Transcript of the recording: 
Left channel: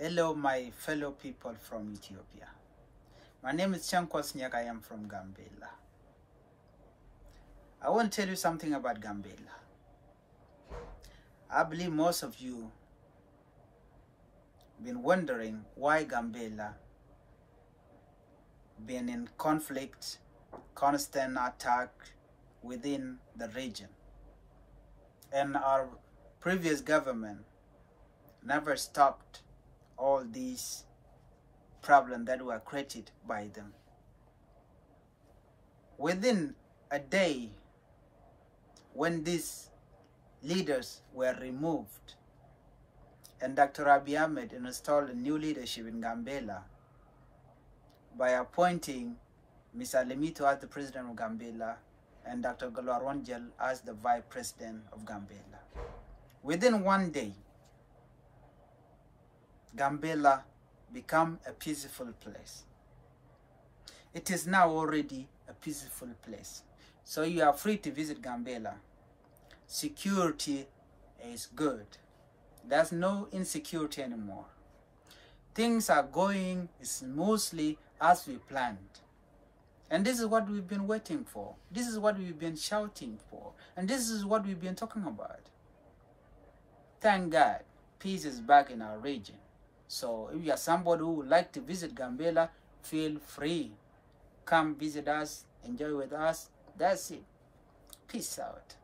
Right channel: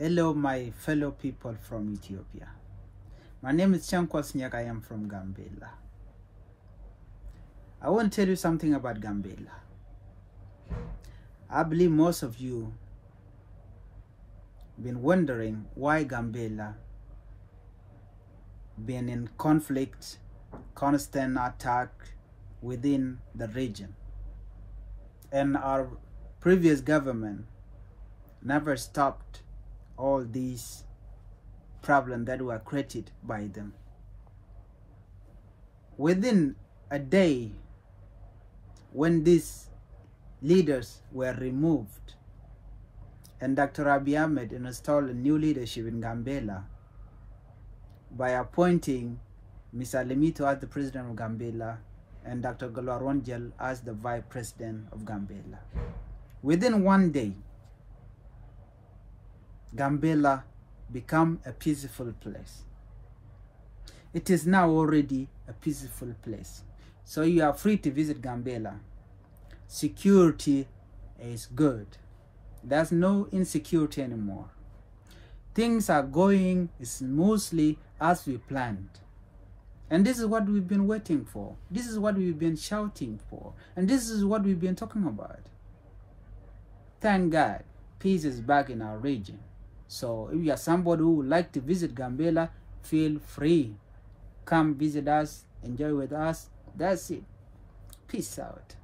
Hello, my fellow people from Ethiopia. My name is Chankwas Nyak. I am from Gambella. I want to tell you something about Gambella. I believe most of you have been wondering why Gambella been in conflict, constant attack within the region. And our previous government never stopped all these problems that were created by them. Within a day, when these leaders were removed and Dr. Abiy Ahmed installed a new leadership in Gambella by appointing Mr. Lemito as the president of Gambella and Dr. Galwarwanjal as the vice president of Gambella. Within one day, Gambella became a peaceful place. It is now already a peaceful place. So you are free to visit Gambella. Security is good. There's no insecurity anymore. Things are going smoothly as we planned. And this is what we've been waiting for. This is what we've been shouting for. And this is what we've been talking about. Thank God, peace is back in our region. So if you are somebody who would like to visit Gambella, feel free. Come visit us, enjoy with us. That's it. Peace out.